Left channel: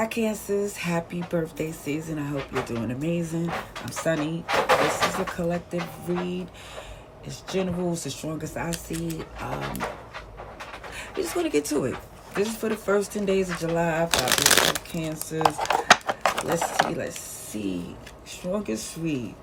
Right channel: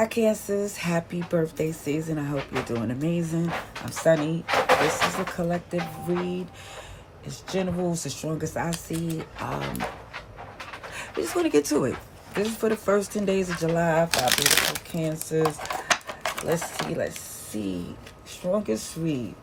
Hi Cancers, happy birthday season. I hope you're doing amazing. I'm Sunny. This is a collective read. It's general, it's the strongest I see. We're just gonna get to it. This is for the first 10 days of July. For Cancers. Let's see. Strongest read.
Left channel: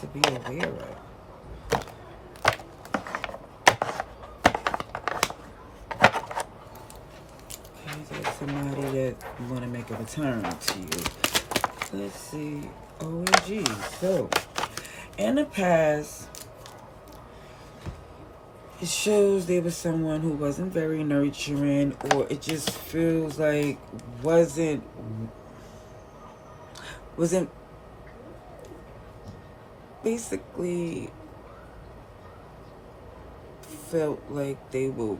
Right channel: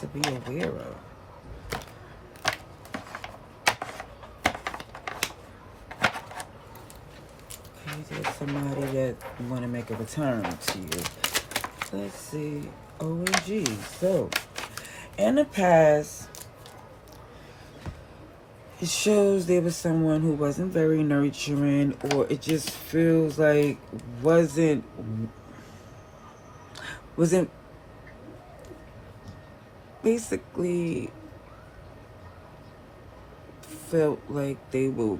To be aware of. There's somebody that want to make a return to you. Let's see. OMG. So, in the past, it shows there was someone who wasn't very nurturing, or it just feels like wasn't basically felt like they will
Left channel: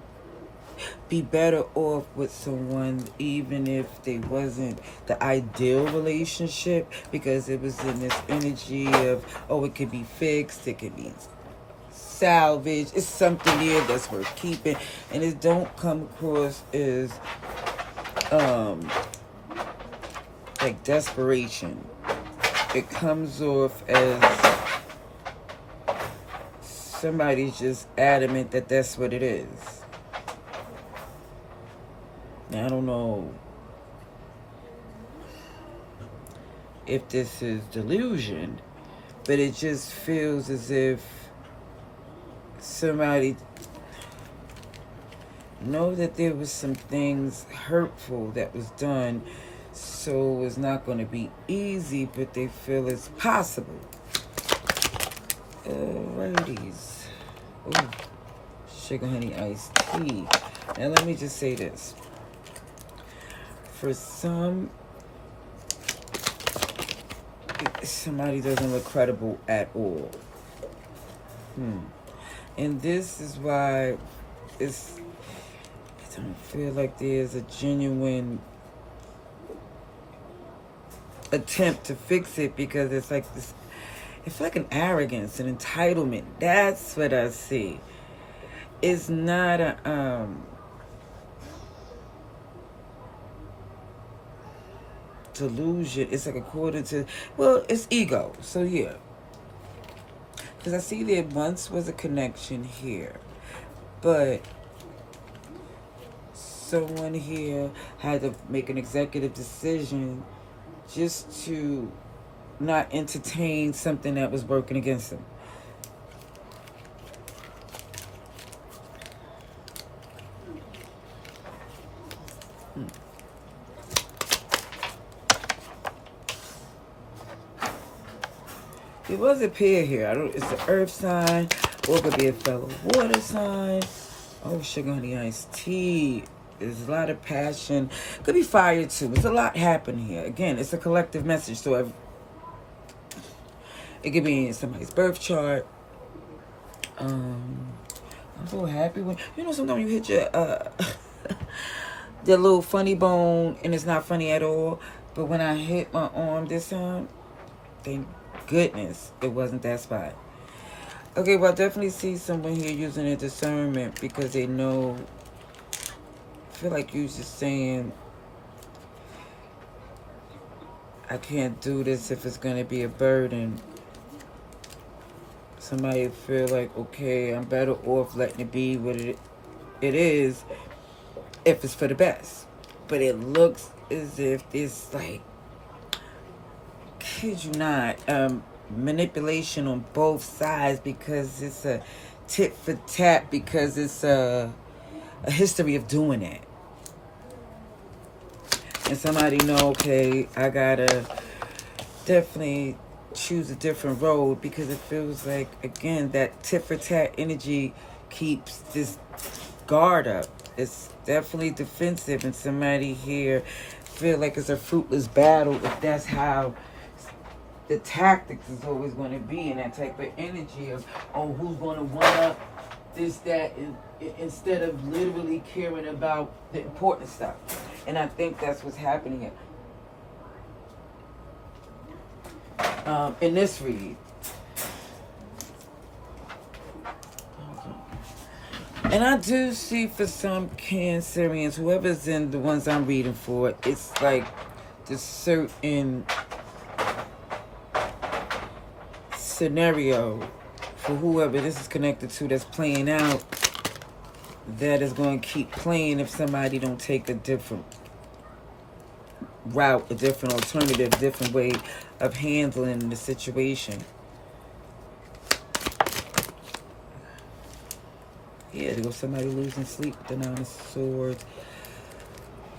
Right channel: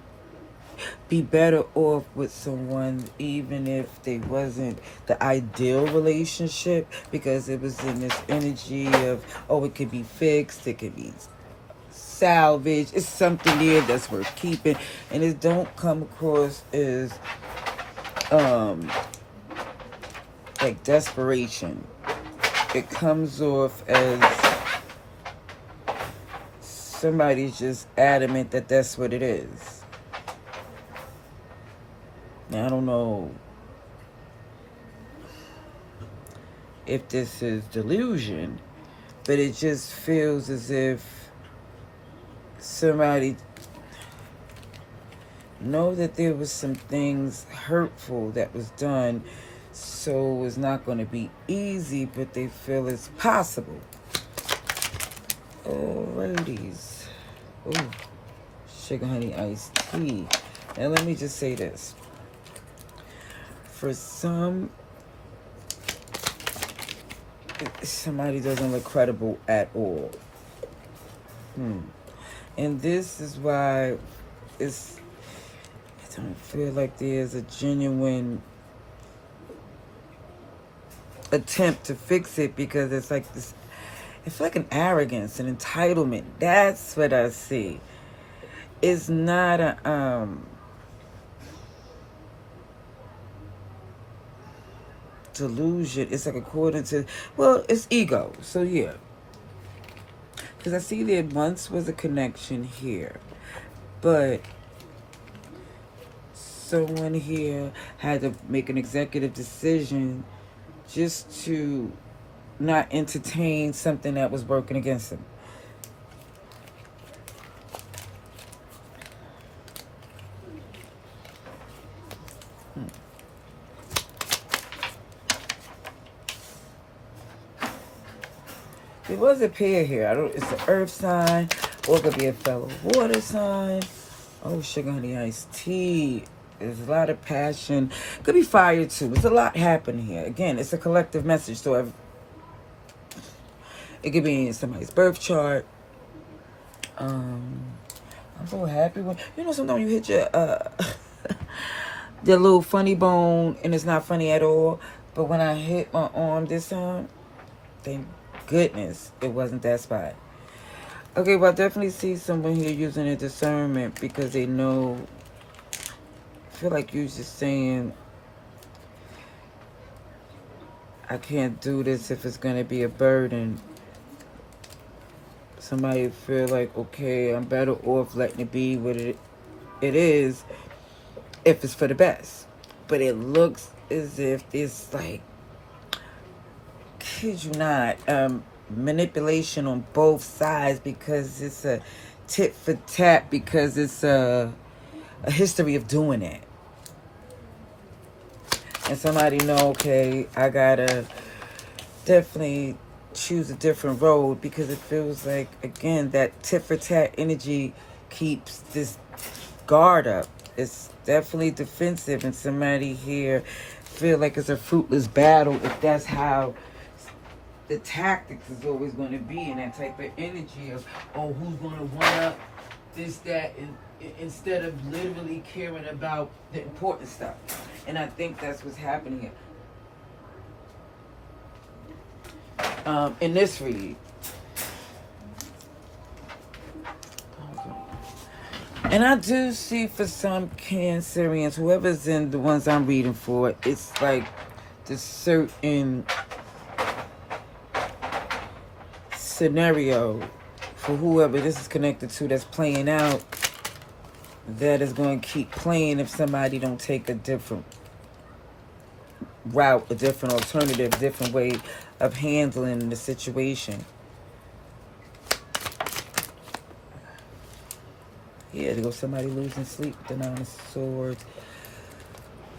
be better off with someone even if they wasn't the ideal relationship, because it was in this energy of, oh, it could be fixed, it could be salvaged, it's something there that's worth keeping, and it don't come across as like desperation. It comes off as somebody's just adamant that that's what it is. Now, I don't know if this is delusion, but it just feels as if somebody know that there was some things hurtful that was done, so it's not going to be easy, but they feel it's possible. Alrighties. Oh, sugar honey iced tea. Now let me just say this. For some, somebody doesn't look credible at all. And this is why I don't feel like there's a genuine attempt to fix it, because it's like this, it's like an arrogance, an entitlement. That's what I see. It's not a delusion. It's like according to, well, it's ego. So yeah, because I see there once was a connection here, but someone here had to make an executive decision just to not entertain something that was working against them. There was a pair here. It's an earth sign, or it could be a fellow water sign. Oh, sugar honey iced tea. There's a lot of passion. Could be fire too. There's a lot happening here. Again, it's a collective message. So it could be in somebody's birth chart. I'm so happy when, sometimes you hit your your little funny bone and it's not funny at all. But when I hit my arm this time, thank goodness it wasn't that spot. Okay, well, I definitely see someone here using a discernment, because they know, I feel like you're just saying, I can't do this if it's going to be a burden. Somebody feel like, okay, I'm better off letting it be what it is if it's for the best. But it looks as if it's like, kid you not, manipulation on both sides, because it's a tit for tat, because it's a history of doing it. And somebody know, okay, I gotta definitely choose a different road, because it feels like, again, that tit for tat energy keeps this guard up. It's definitely defensive, and somebody here feel like it's a fruitless battle if that's how the tactics is always going to be, in that type of energy of, oh, who's going to one-up this, that, and instead of literally caring about the important stuff. And I think that's what's happening. in this read. And I do see for some Cancerians, whoever's in the ones I'm reading for, it's like this certain scenario for whoever this is connected to that's playing out that is going to keep playing if somebody don't take a different route, a different alternative, different way of handling the situation. Yeah, there goes somebody losing sleep with the Nine of Swords.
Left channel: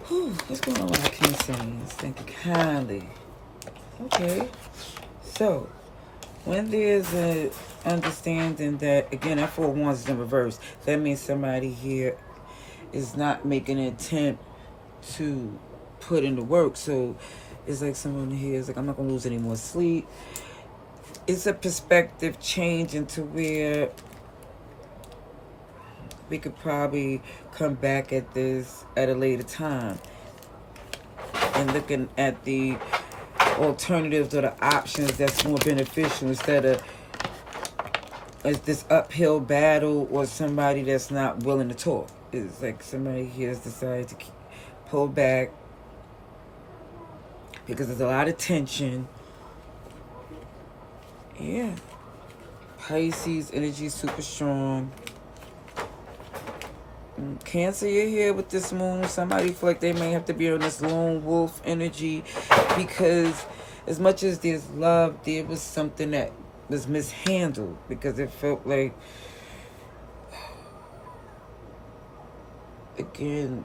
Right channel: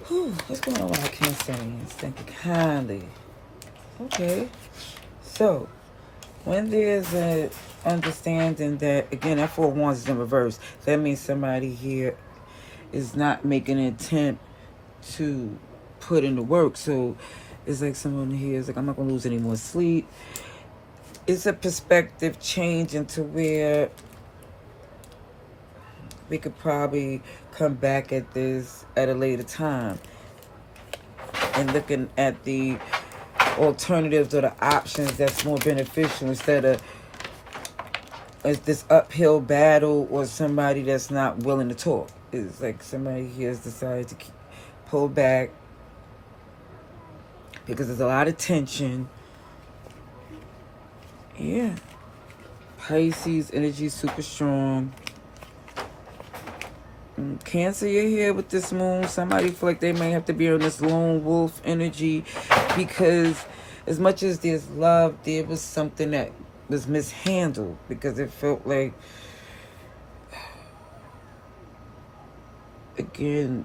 Whew, what's going on with our Cancerians? Thinking kindly. Okay. So, when there's a understanding that, again, that Four of Wands is in reverse, that means somebody here is not making an attempt to put in the work. So, it's like someone here is like, I'm not going to lose any more sleep. It's a perspective change into where we could probably come back at this at a later time and looking at the alternatives or the options that's more beneficial instead of this uphill battle or somebody that's not willing to talk. It's like somebody here has decided to pull back because there's a lot of tension. Yeah. Pisces energy super strong. Cancer, you're here with this moon. Somebody feel like they may have to be on this lone wolf energy because as much as there's love, there was something that was mishandled because it felt like, again,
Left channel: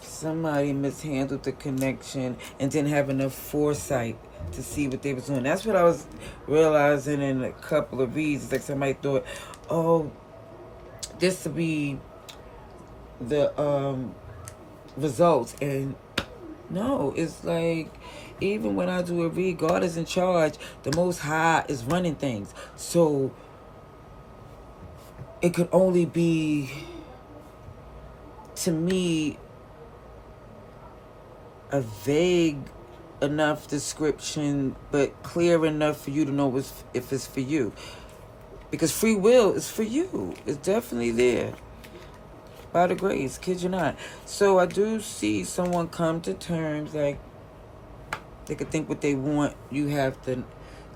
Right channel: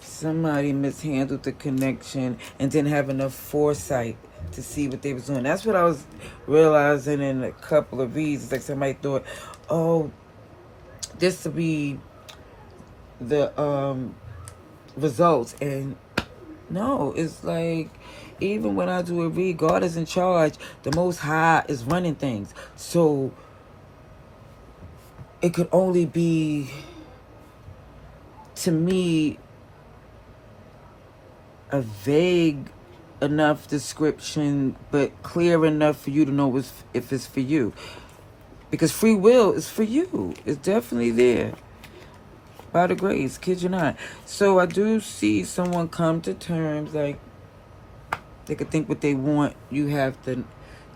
somebody mishandled the connection and didn't have enough foresight to see what they was doing. That's what I was realizing in a couple of reads. It's like somebody thought, oh, this to be the results, and no, it's like even when I do a read, God is in charge. The Most High is running things, so it could only be, to me, a vague enough description, but clear enough for you to know if it's for you. Because free will is for you. It's definitely there. By the grace, kid you not. So I do see someone come to terms, like they can think what they want. You have to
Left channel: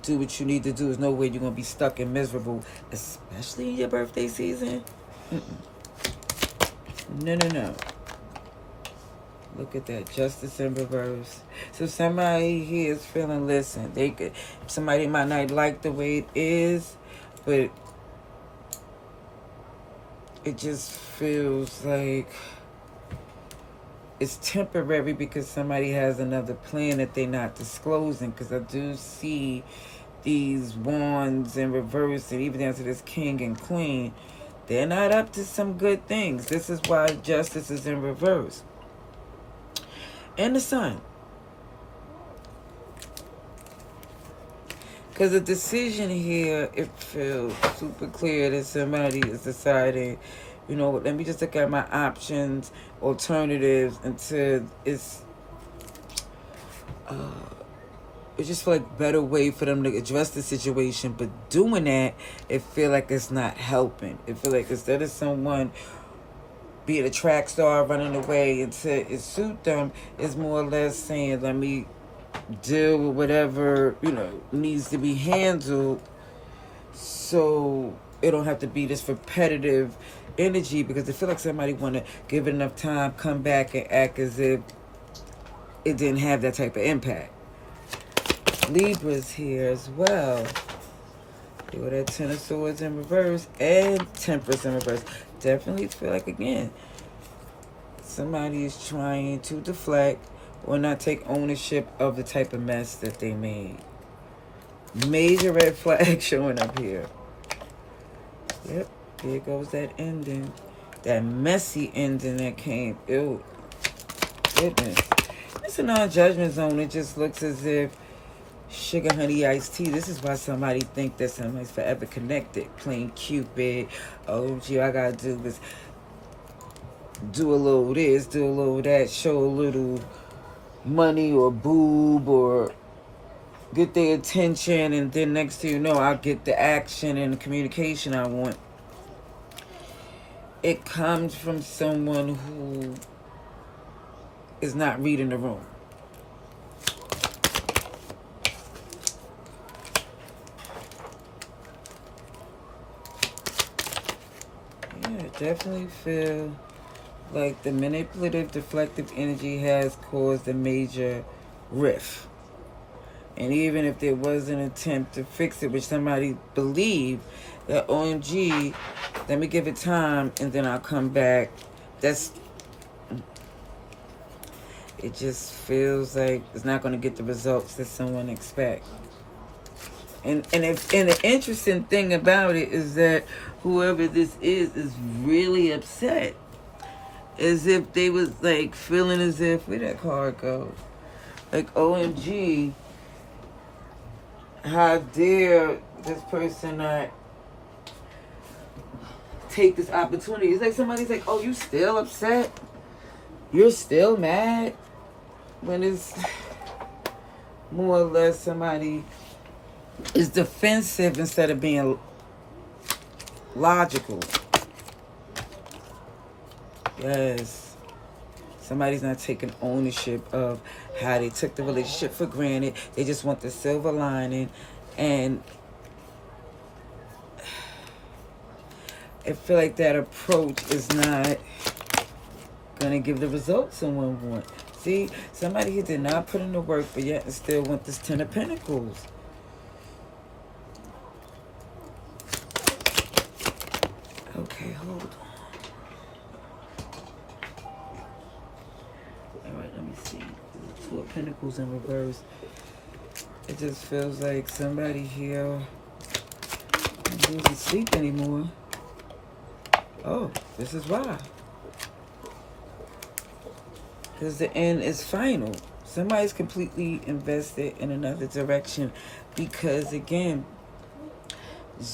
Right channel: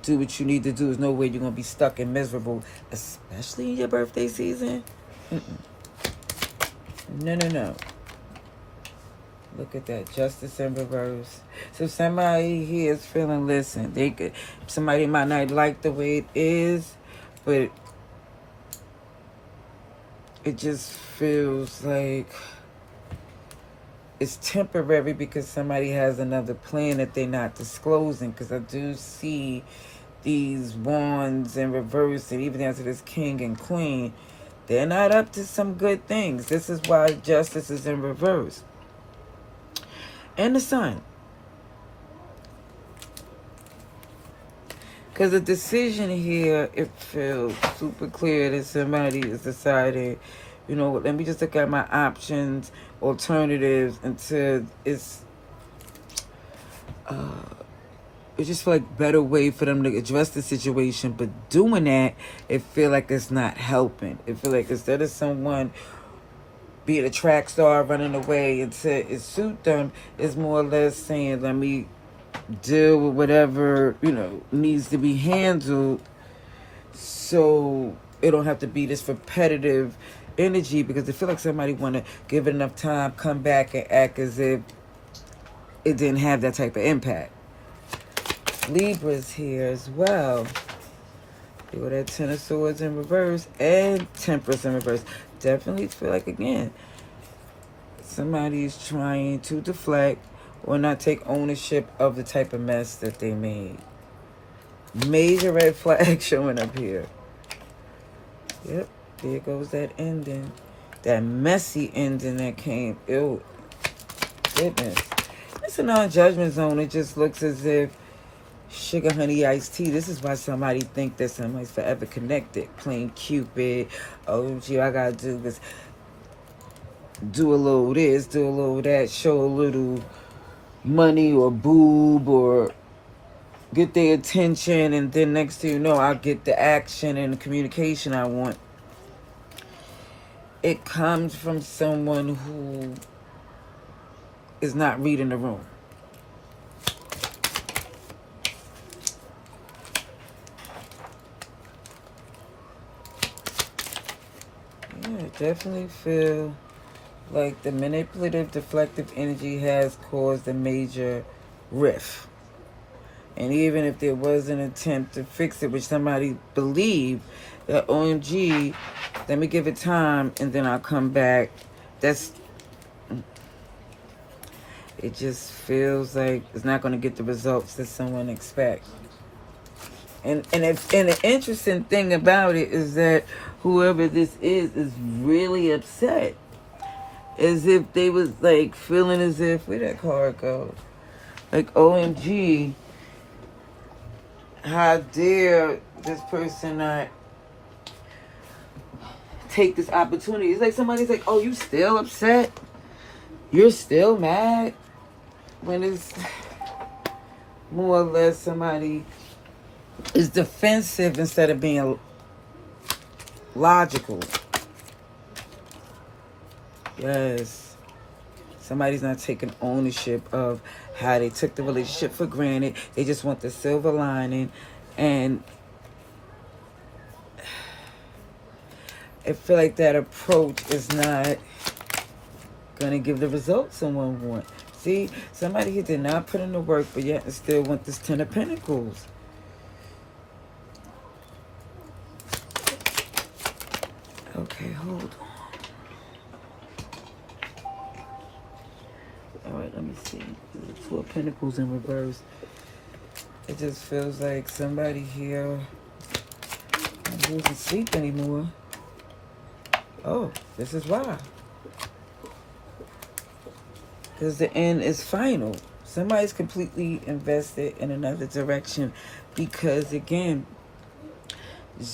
do what you need to do. There's no way you're going to be stuck and miserable, especially in your birthday season. No. Look at that. Justice in reverse. So somebody here is feeling, listen, somebody might not like the way it is, but it just feels like it's temporary because somebody has another plan that they're not disclosing. Because I do see these wands in reverse, and even down to this king and queen, they're not up to some good things. This is why justice is in reverse. And the sun. Because the decision here, it feels super clear that somebody is deciding, you know, let me just look at my options, alternatives, until it's just like better way for them to address the situation. But doing that, it feel like it's not helping. It feel like instead of someone being a track star running away until it suit them, it's more or less saying, let me deal with whatever, you know, needs to be handled so it don't have to be this repetitive energy, because I feel like somebody want to give it enough time, come back and act as if it didn't have that type of impact. Libra's here as well. They got that Ten of Swords in reverse and Temperance in reverse. Definitely feel like, again, somebody's trying to deflect or not take ownership of the type of mess that they made. Major red flag showing up here. Yep, there goes that ending. That messy ending that came. Ew. Goodness. It's a non-judgment zone. It just looks as if sugar, honey, iced tea. This is why somebody think that somebody's forever connected. Playing Cupid. Oh, gee, I gotta do this. Do a little this, do a little that. Show a little money or boob or get their attention, and then next thing you know, I'll get the action and the communication I want. It comes from someone who is not reading the room. Yeah, I definitely feel like the manipulative, deflective energy has caused a major rift. And even if there was an attempt to fix it, which somebody believed that OMG, let me give it time and then I'll come back. It just feels like it's not going to get the results that someone expects. And the interesting thing about it is that whoever this is really upset. As if they was like feeling as if, where that card go? Like, OMG, how dare this person not take this opportunity? It's like somebody's like, oh, you still upset? You're still mad? When it's more or less somebody is defensive instead of being logical. Yes. Somebody's not taking ownership of how they took the relationship for granted. They just want the silver lining. And I feel like that approach is not going to give the results someone wants. See, somebody here did not put in the work, but yet still want this 10 of Pentacles. Okay, hold on. Alright, let me see. The 2 of Pentacles in reverse. It just feels like somebody here doesn't sleep anymore. Oh, this is why. Because the end is final. Somebody's completely invested in another direction. Because, again,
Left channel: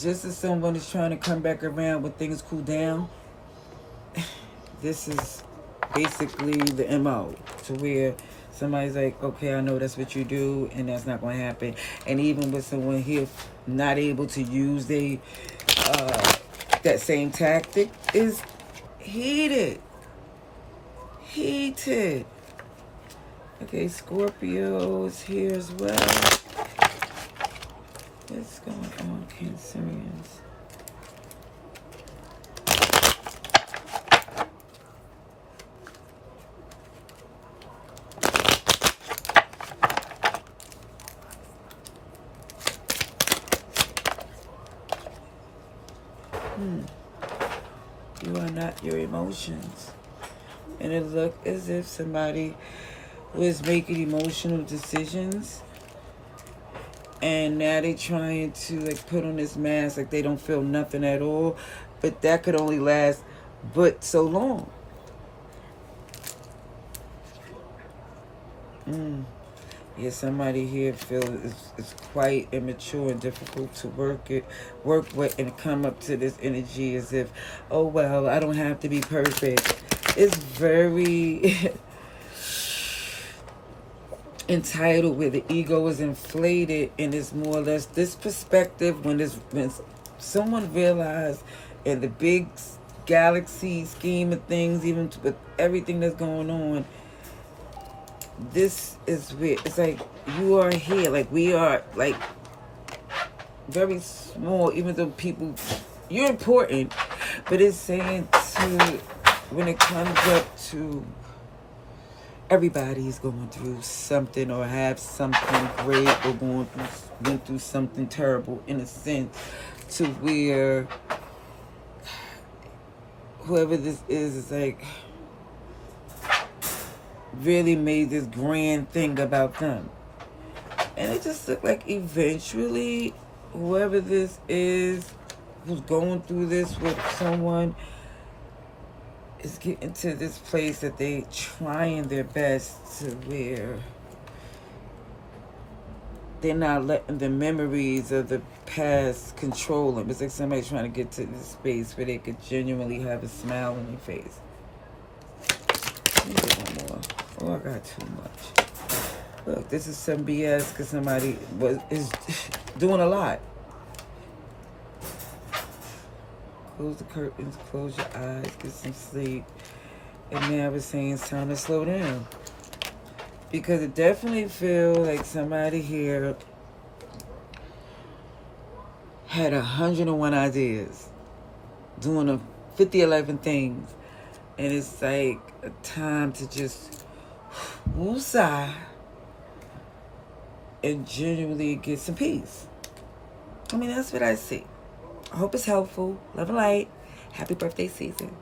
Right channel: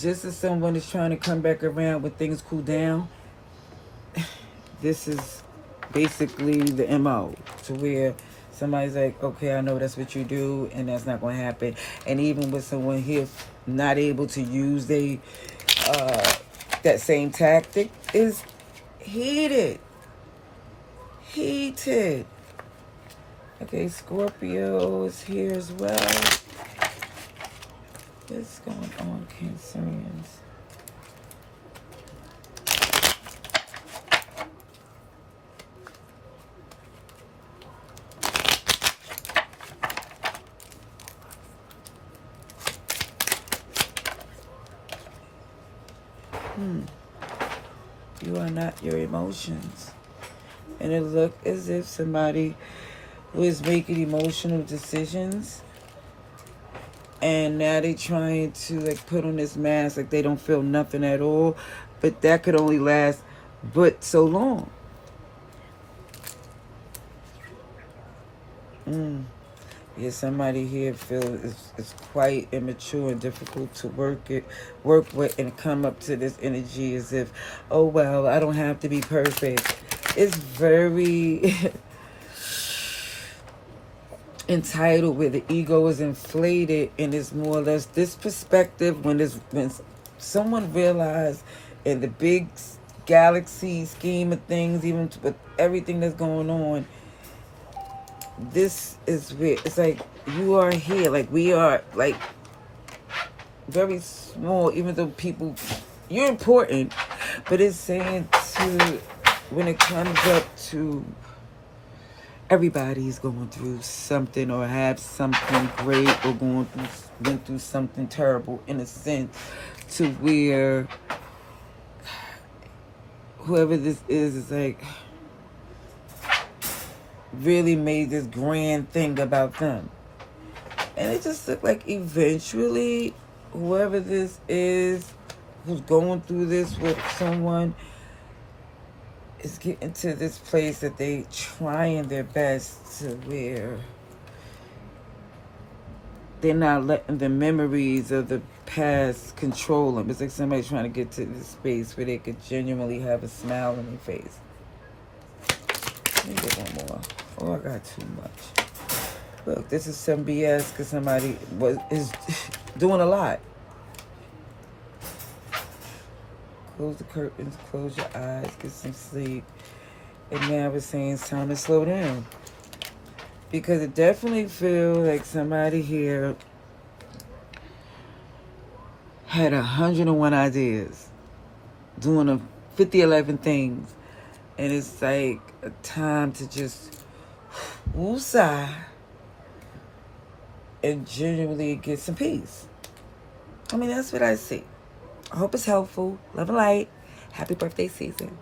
just as someone is trying to come back around when things cool down, this is basically the MO. To where somebody's like, okay, I know that's what you do, and that's not going to happen. And even with someone here not able to use that same tactic, is heated. Heated. Okay, Scorpio is here as well. What's going on, Cancerians? You are not your emotions. And it looked as if somebody was making emotional decisions, and now they're trying to like put on this mask like they don't feel nothing at all, but that could only last but so long. Yeah, somebody here feels it's quite immature and difficult to work with, and come up to this energy as if, oh well, I don't have to be perfect. It's very entitled, where the ego is inflated, and it's more or less this perspective when someone realizes in the big galaxy scheme of things, even with everything that's going on, this is where it's like you are here, like we are, like very small, even though people, you're important, but it's saying to, when it comes up to everybody's going through something or have something great, or went through something terrible, in a sense, to where whoever this is like really made this grand thing about them. And it just looked like eventually whoever this is who's going through this with someone is getting to this place that they trying their best to where they're not letting the memories of the past control them. It's like somebody trying to get to this space where they could genuinely have a smile on their face. Let me get one more. Oh, I got too much. Look, this is some BS because somebody is doing a lot. Close the curtains, close your eyes, get some sleep. And now we're saying it's time to slow down. Because it definitely feels like somebody here had 101 ideas, doing 11 things. And it's like a time to just woosah and genuinely get some peace. I mean, that's what I see. I hope it's helpful. Love and light. Happy birthday season.